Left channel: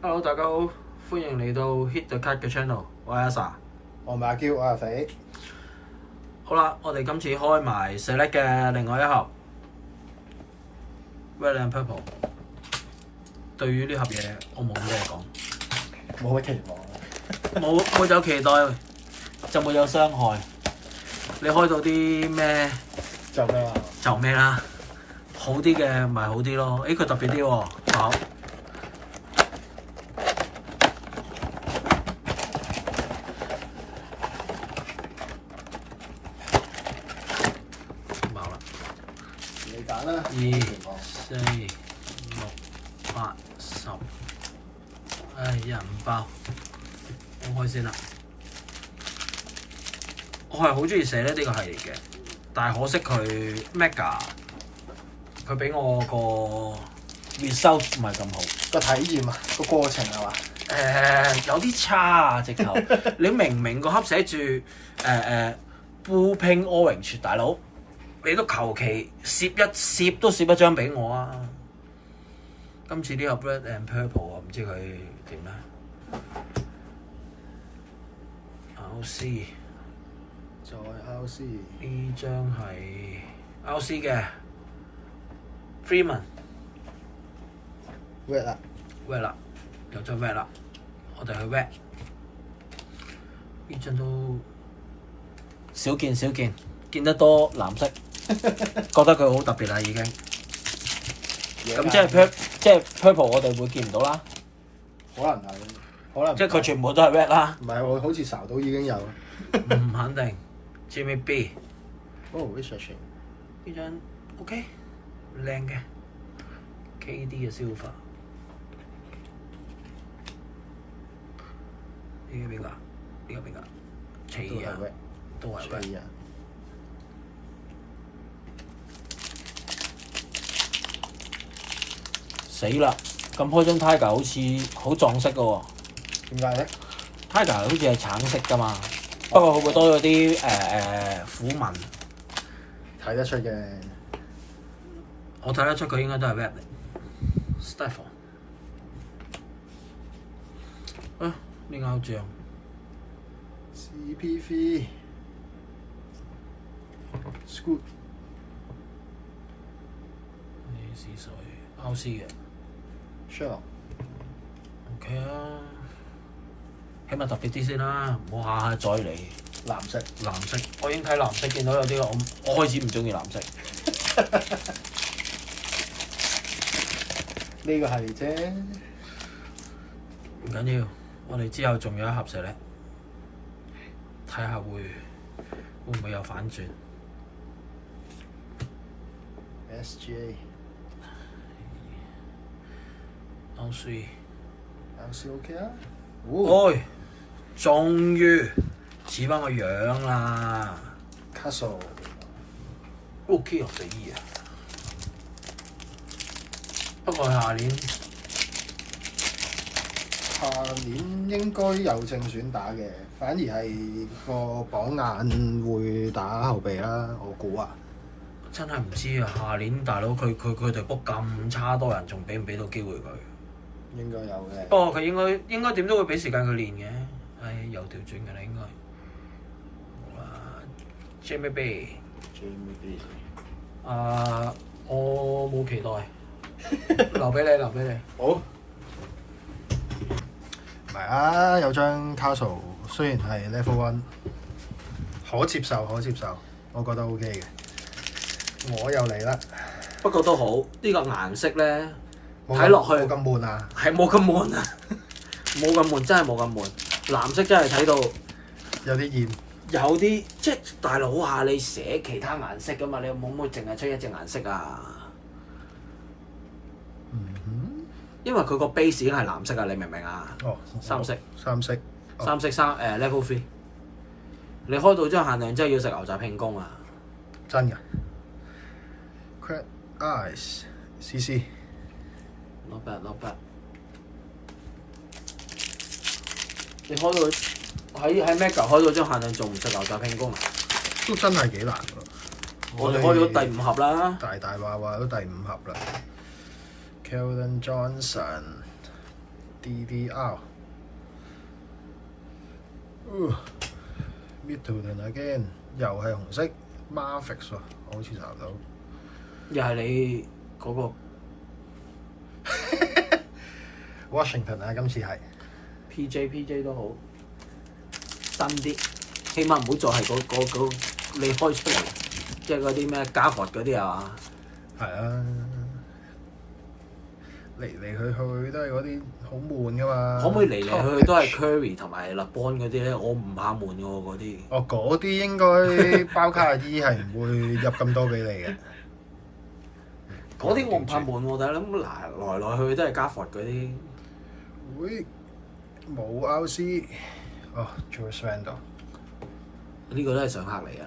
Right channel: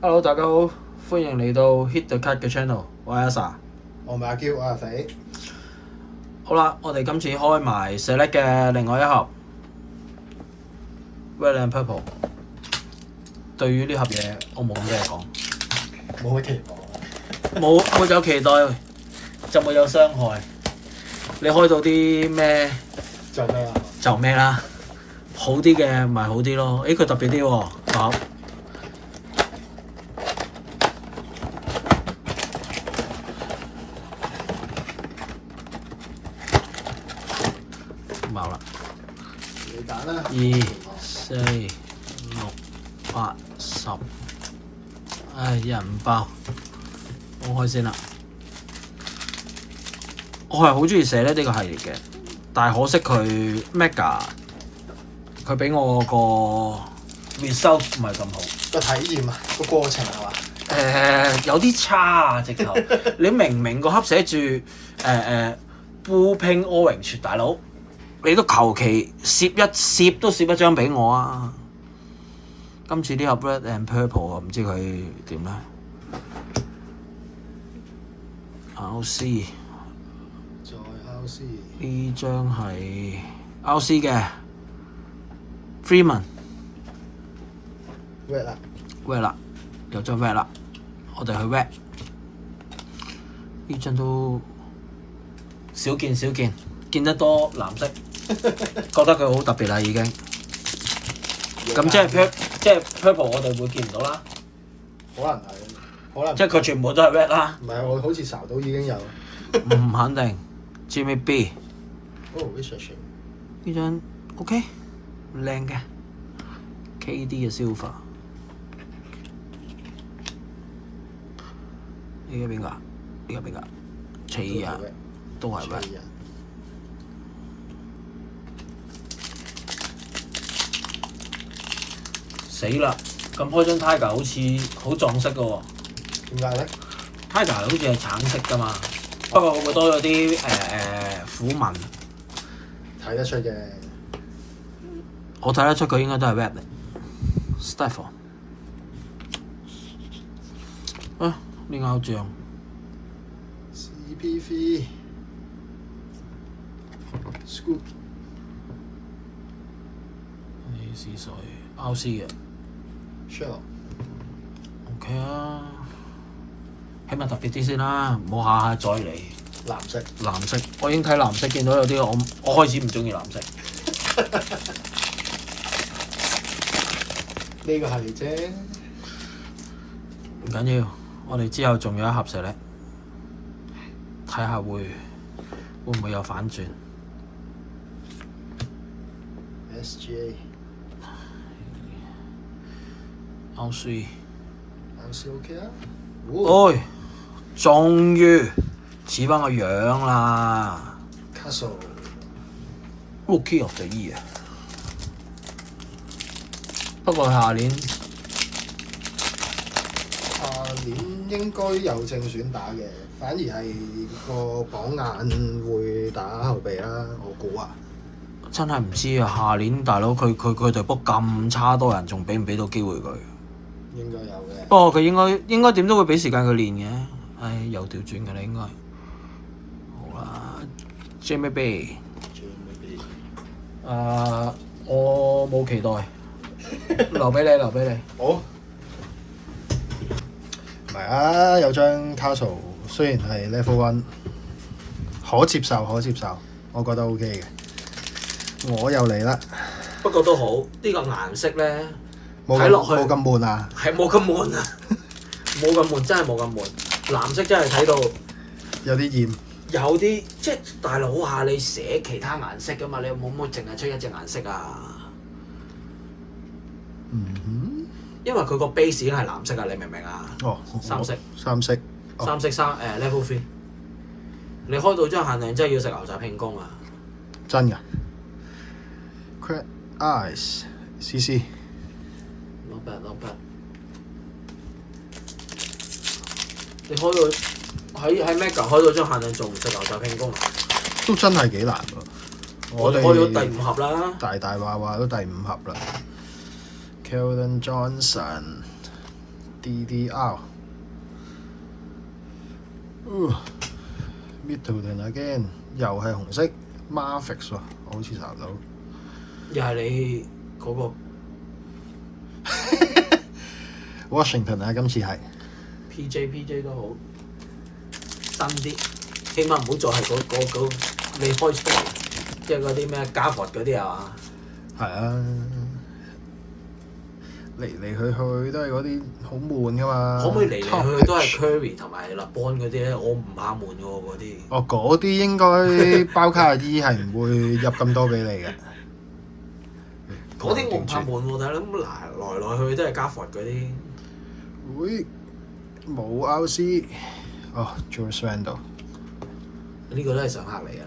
Hello，大家好，歡迎嚟到 Hit the Card 嘅 channel，我係阿 Sa。我係阿嬌，我係阿肥。好啦，我哋今次開埋 Select 嘅另外一盒 Red and Purple。對於呢盒嘢，我冇咩講，冇乜期望。冇有期待就冇有傷害。你開到啲咩就咩啦？就咩啦，好啲嘅咪好啲咯。佢特別啲喎，好。冇啦。你揀啦。2、4、6、8、10，人爆，我開先啦。我係好中意寫呢個系列嘅，但係可惜佢 Mega 佢俾我個 result 唔係咁好。個體驗啊，個過程係嘛？有啲差啊！直頭你明個盒寫住Blue Pink Orange， 大佬你都求其攝都攝一張俾我啊！今次呢盒 Red and Purple 我唔知佢點啦。RC 再 RC 呢張係 RC 嘅 Freeman Red 啦 Red 啦，有張 Red 啦，我哋去 Red 呢張都少見，見得多藍色，覺得佢好特別啦已經。咁即係 Purple 我哋會見唔到啦，可能係，可能即係佢全部都係 Red 啦。唔係會好似查到已經有。唔肯定。Jimmy B 哦 research 呢張 OK 靚嘅 KD 嘅 Silver。呢個邊個？呢個邊個？齊人都係 Red。死啦！咁開張 Tiger 好似好撞色嘅喎。點解咧 Tiger 好似係橙色㗎嘛，不過會唔會多咗啲虎紋？睇得出嘅。我睇得出佢應該都係 Red 嚟。Stifle 呢個偶像 CPV Scoot 呢是水 RC 嘅 Sherlock OK 啊，起碼特別啲先啦，唔好下下再嚟藍色。藍色。我已經睇藍色，見到有啲我開始唔中意藍色。呢個係啫。唔緊要，我哋之後仲有一盒石咧，睇下會唔會有反轉。SGA RC OK 啊。哎，終於似翻個樣啦 Castle！Rookie of the Year。不過下年應該有正選打嘅，反而係個榜眼會打後備啦，我估啊。真係唔知啊！下年大佬佢隊波咁差，多人仲俾唔俾到機會佢？應該有嘅。不過佢應該點都會俾時間佢練嘅。唉，又調轉㗎啦應該。好啦 ，Jamie B。我冇期待，留俾你。好。唔係啊，有張 Castle 雖然係 Level One，可接受，我覺得 OK 嘅。我又嚟啦。不過都好，呢個顏色咧睇落去冇咁悶啊。係冇咁悶啊，冇咁悶，真係冇咁悶。藍色真係睇到有啲厭。有啲即係大佬啊！你寫其他顏色噶嘛？你有冇淨係出一隻顏色啊？因為佢個 base 已經係藍色啊！你明唔明啊？哦，三色。Level 3。你開到張限量真係要食牛雜慶功啊！真㗎。Crab Eyes CC。Not bad。你開到喺 Mega 開到張限量仲唔食牛雜慶功啊？都真係幾難喎。我哋開咗第5盒啦。大話都第5盒啦。Keldon Johnson DDR。Middleton again 又係紅色 Mavericks 喎，我好似查唔到。又係你嗰個 Washington 啊，今次係 PJ 都好新啲，起碼唔好再係嗰你開出嚟，即係嗰啲咩加佛嗰啲啊。係啊，嚟嚟去去都係嗰啲好悶噶嘛。可唔可以嚟嚟去去都係 Curry 同埋 LeBron 嗰啲咧？我唔怕悶喎嗰啲。哦，嗰啲應該包卡啲係唔會入咁多俾你嘅。嗰啲我唔怕悶喎，但係諗來去都係加佛嗰啲。會冇 RC 哦 Julius Randle 呢個都係常客嚟㗎。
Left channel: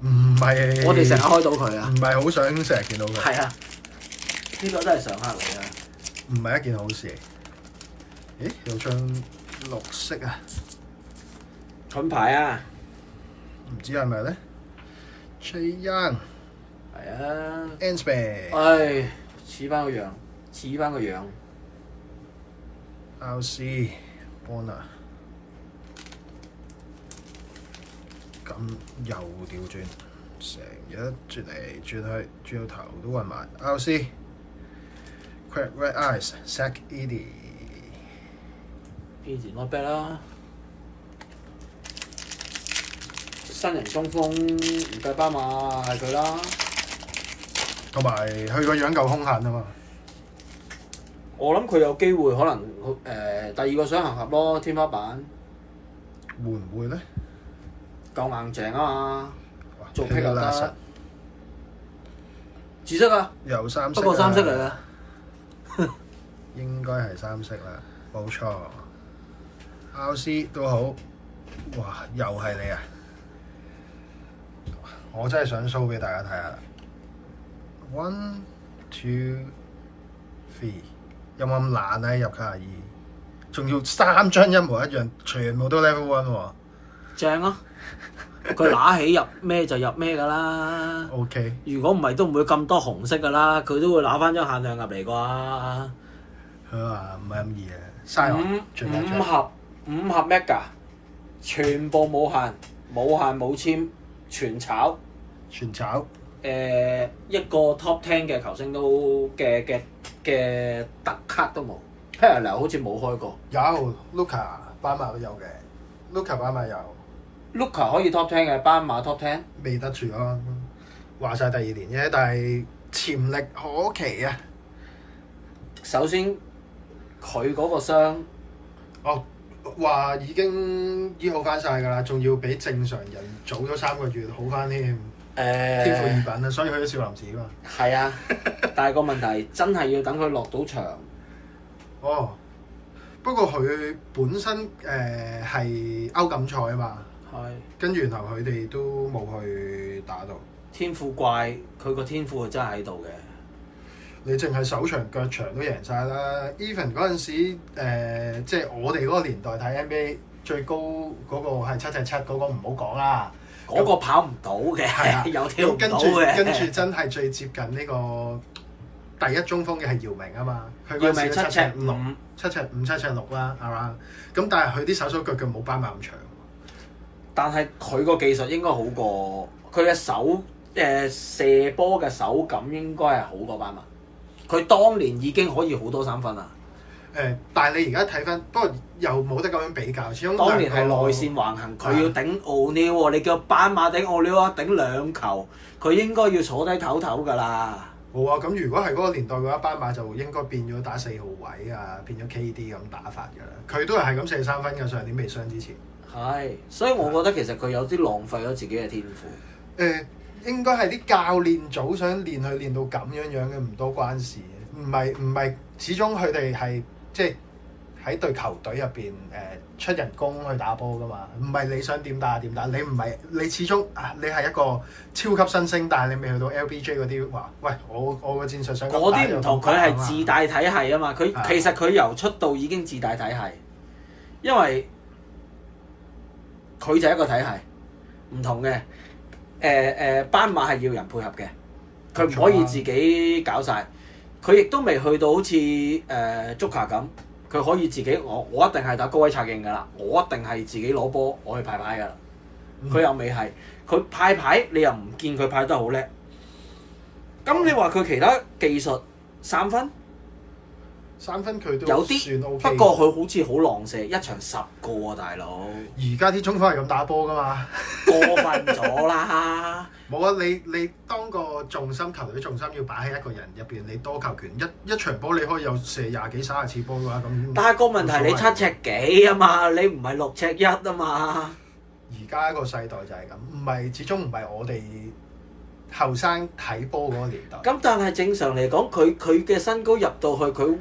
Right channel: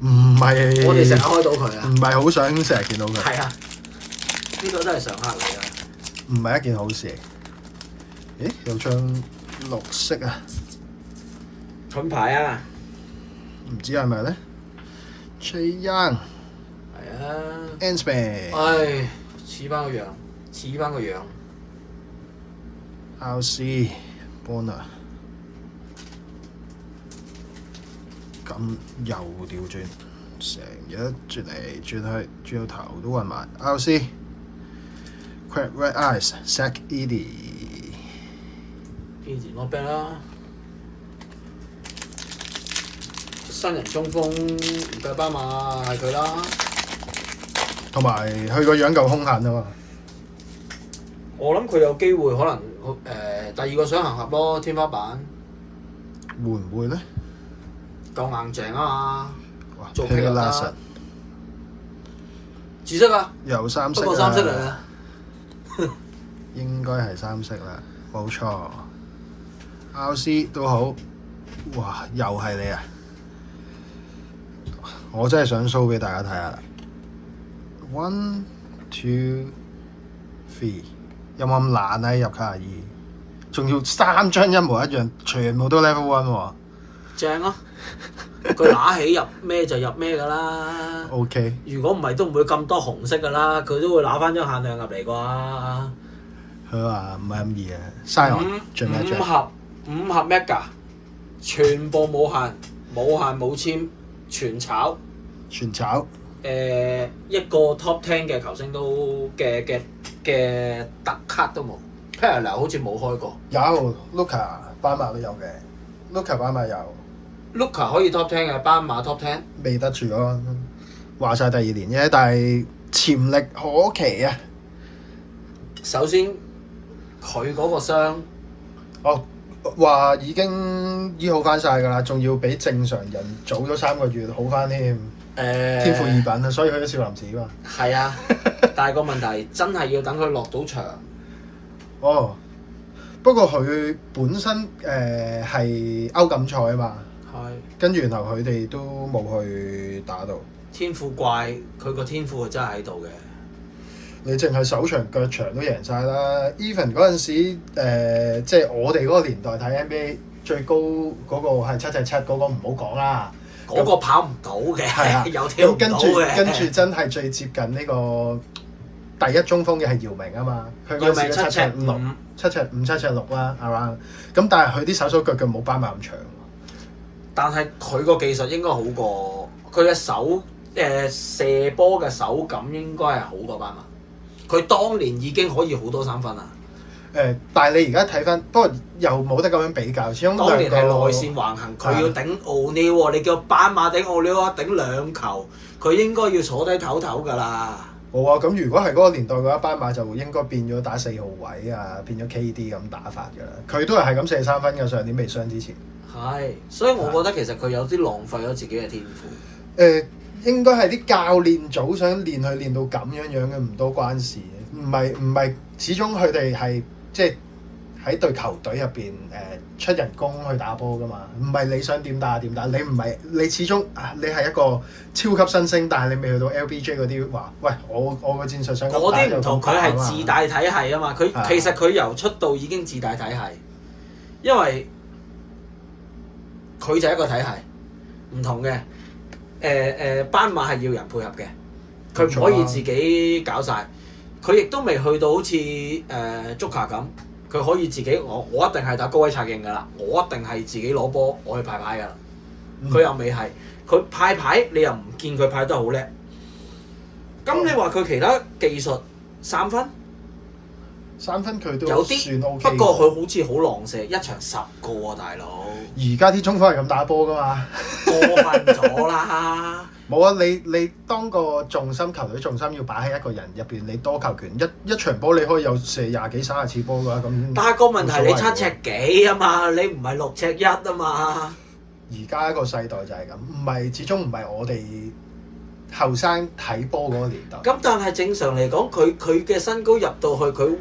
唔係，我哋成日開到佢啊。唔係好想成日見到佢。係啊，呢個都係常客嚟㗎。唔係一件好事嚟。咦？有張綠色啊？盾牌啊！唔知係咪咧 Trae Young 係啊。Ansman 唉，似翻個樣。RC Bonner 咁又調轉，成日轉嚟轉去，轉到頭都暈埋。RC Crab Red Eyes Zach Edey Easy not bad 啦。新人中鋒唔夠斑馬係佢啦。同埋佢個樣夠兇狠啊嘛！我諗佢有機會可能第二個雙行俠咯，天花板會唔會咧？夠硬淨啊嘛！哇做佢又得。紫色啊！有三色不過三色嚟嘅。應該係三色啦，冇錯。RC 都好，哇！又係你啊！我真係想 show 俾大家睇下啦。1 2 3，有冇咁懶啊？入卡爾，仲要3張一模一樣，全部都 level 1喎。正啊！佢拿起入咩就入咩㗎啦。OK。如果唔係都唔會咁多紅色㗎啦，佢都會拿翻張限量入嚟啩。佢話唔係咁易啊，嘥我最尾一張。五盒 mega， 全部冇限冇簽，全炒。全炒。一個 top 10嘅球星都嘅特卡都冇 Parallel 好似冇開過。有 Luka 斑馬都有嘅 ，Luka 斑馬有。Luka 可以 top 10嘅，斑馬 top 10未得住咯。話晒第二年啫，但係潛力可期啊！首先佢嗰個傷，話已經醫好翻晒㗎啦，仲要比正常人早咗3個月好翻添。天賦異稟啊，所以去咗少林寺㗎嘛。係啊，但係個問題真係要等佢落到場。哦，不過佢本身係歐錦賽啊嘛。係。跟住然後佢哋都冇去打到。天賦怪，佢個天賦真係喺度嘅。你淨係手長腳長都贏晒啦 ！Even 嗰陣時，即係我哋嗰個年代睇 NBA 最高嗰個係7'7", 嗰個唔好講啦。嗰個跑唔到嘅，有跳唔到嘅。跟住真係最接近呢個第一中鋒嘅係姚明啊嘛，佢嗰陣時都7'5", 7'5", 7'6" 啦 around。咁但係佢啲手腳冇斑馬咁長。但係佢個技術應該好過佢嘅手，射波嘅手感應該係好過斑馬。佢當年已經可以好多3分啦。但係你而家睇翻，不過又冇得咁樣比較，始終當年係內線橫行，佢要頂奧尼喎，你叫斑馬頂奧尼喎，頂2球，佢應該要坐低唞唞㗎啦。冇啊，咁如果係嗰個年代嘅話，斑馬就應該變咗打4號位啊，變咗 KD 咁打法㗎啦。佢都係咁射3分嘅，上年未傷之前。係，所以我覺得其實佢有啲浪費咗自己嘅天賦。應該係啲教練組想練佢練到咁樣樣嘅，唔多關事。唔係，始終佢哋係即係喺隊球隊入邊出人工去打波㗎嘛。唔係你想點打點打，你唔係你始終你係一個超級新星，但係你未去到 LBJ 嗰啲話，喂我個戰術想咁打就咁打啊嘛。嗰啲唔同，佢係自帶體系啊嘛。其實佢由出道已經自帶體系，因為佢就係一個體系，唔同嘅。斑馬係要人配合嘅，佢唔可以自己搞晒。佢亦都未去到好似Joker 咁，佢可以自己我一定係打高位策應㗎啦，我一定係自己攞波我去派牌㗎啦。佢又未係，佢派牌你又唔見佢派得好叻。咁你話佢其他技術3分？3分佢都有啲算 OK。不過佢好似好狼射，一場10個喎，大佬。而家啲中鋒係咁打波㗎嘛？過分咗啦！冇啊！你當個重心球隊重心要擺喺一個人入邊，你多球權一場波你可以有射20幾30次波嘅話，咁但係個問題你7尺幾啊嘛，你唔係6尺1啊嘛。而家一個世代就係咁，始終唔係我哋後生睇波嗰個年代。咁但係正常嚟講，佢嘅身高入到去，佢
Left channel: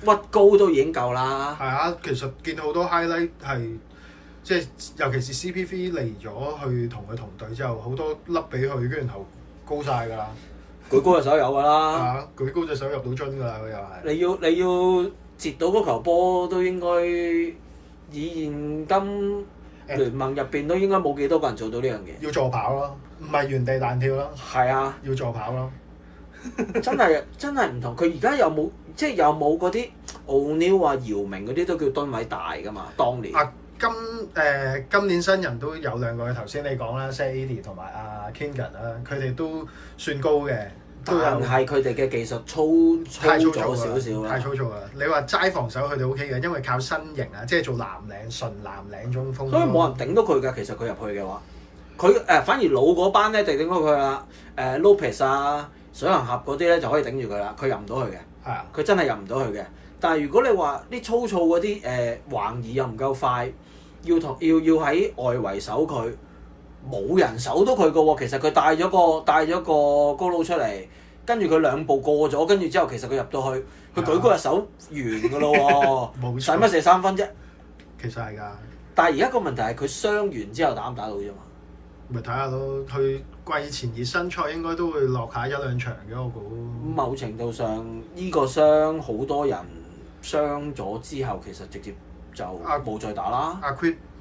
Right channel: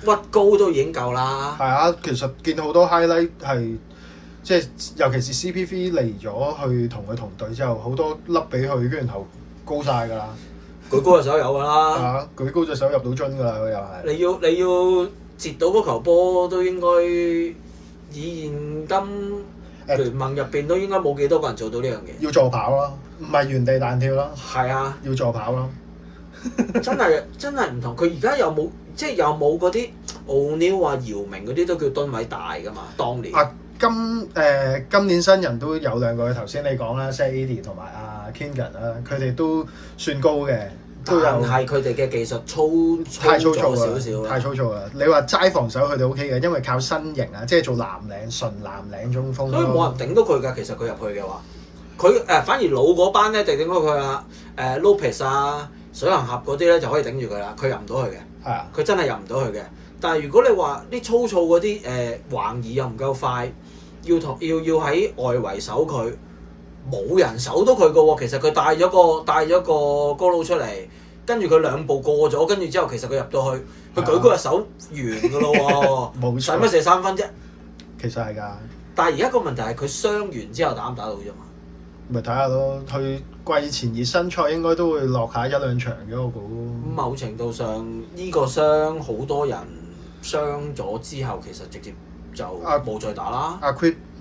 屈高都已經夠啦。係啊，其實見到好多 highlight 係即係，尤其是 CP3 嚟咗去同佢同隊之後，好多粒俾佢，跟住然後高晒㗎啦。舉高隻手有㗎係啦。啊，舉高隻手入到樽㗎啦，佢又係。你要截到嗰球波都應該以現今聯盟入邊都應該冇幾多個人做到呢樣嘢。要助跑咯，唔係原地彈跳咯。係啊，要助跑咯。真係唔同。佢而家有冇有冇嗰啲奧尼爾啊、姚明嗰啲都叫噸位大㗎嘛？當年。今年新人都有2個，頭先你講啦 ，Sadie 同埋阿 Kingan 啦，佢哋都算高嘅，都有。係佢哋嘅技術太粗糙少少太粗糙啦！你話齋防守佢哋 OK 嘅，因為靠身形啊，即係做純藍領中鋒。所以冇人頂到佢㗎。其實佢入去嘅話，佢反而老嗰班咧就頂到佢啦。Lopez 啊、水行俠嗰啲咧就可以頂住佢啦。佢入唔到去嘅。係啊。佢真係入唔到去嘅。但係如果你話啲粗糙嗰啲橫移又唔夠快，要喺外圍守佢，冇人守到佢嘅喎。其實佢帶咗個高佬出嚟，跟住佢2步過咗，跟住之後其實佢入到去，佢舉高隻手完㗎咯喎。冇錯。使乜射3分啫？其實係㗎。但係而家個問題係佢傷完之後打唔打到啫嘛？咪睇下咯，佢季前熱身賽應該都會落下1、2場嘅我估。某程度上，呢個傷好多人傷咗之後，其實直接就冇再打啦。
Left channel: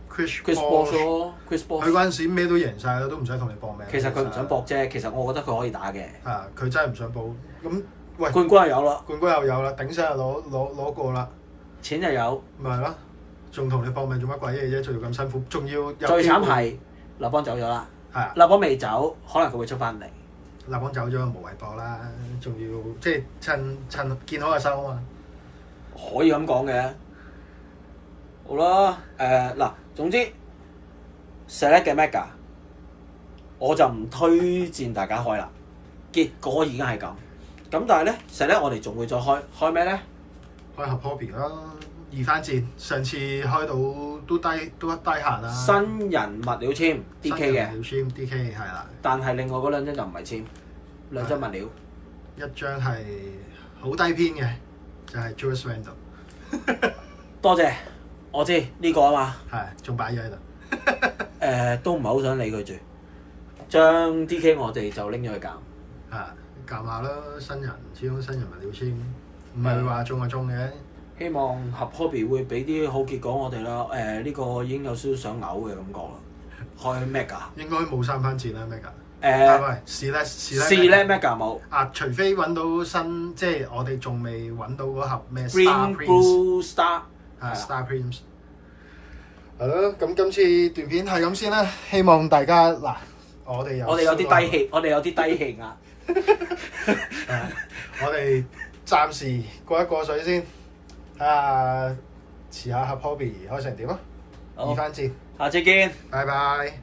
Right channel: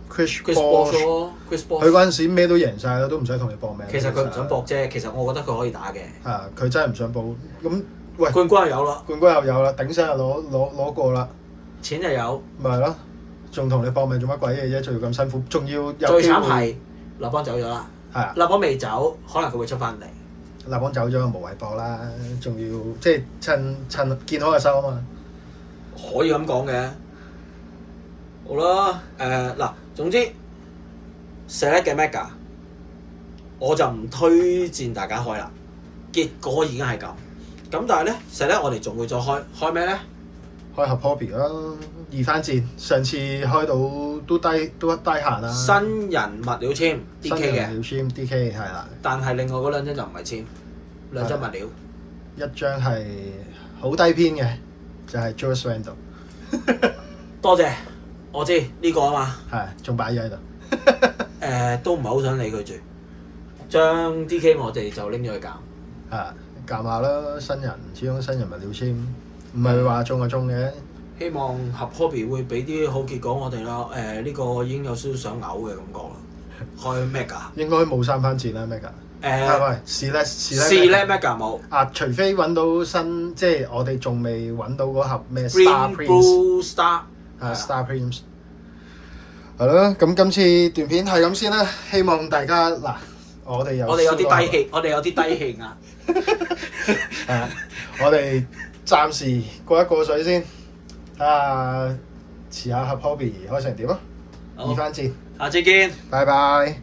Chris Bosh 咯，Chris Bosh。佢嗰陣時咩都贏晒啦，都唔使同你搏命。其實佢唔想搏啫，其實我覺得佢可以打嘅。係啊，佢真係唔想搏。咁喂，冠軍又有啦，冠軍又有啦，頂上又攞過啦，錢又有。咪係咯，仲同你搏命做乜鬼嘢啫？仲要咁辛苦，仲要有機會。最慘係立邦走咗啦。係啊。立邦未走，可能佢會出翻嚟。立邦走咗無謂搏啦，仲要即係趁見好就收啊嘛。可以咁講嘅。好啦，嗱，總之 Select 嘅 Mega 我就唔推薦大家開啦。結果已經係咁，咁但係咧Select我哋仲會再開咩咧？開合 Hobby 啦，2番戰，上次開到都低閒啦。新人物料簽 DK 嘅，新人物料簽 DK 係啦。但係另外嗰2張就唔係簽，2張物料。一張係好低篇嘅，就係 Julius Randle。多謝，我知呢個啊嘛。係，仲擺咗喺度。都唔係好想理佢住，將 DK 我哋就拎咗去減。係，減下啦，新人始終新人物料簽，唔係話中就中嘅。希望合 Hobby 會俾啲好結果我哋啦。呢個已經有少少想嘔嘅感覺啦。開 Mega 應該冇3番戰啦 Mega。喂Select Mega 冇。除非揾到新，即係我哋仲未揾到嗰盒咩 Green Blue Star。Star Prince。係咯，咁今次段片係咁先啦。希望大家嗱，我哋有啲低氣，我哋有啲低氣壓。係啊，我哋暫時過水先，睇下遲下合 Hobby 開成點啊！2番戰，下次見，拜拜。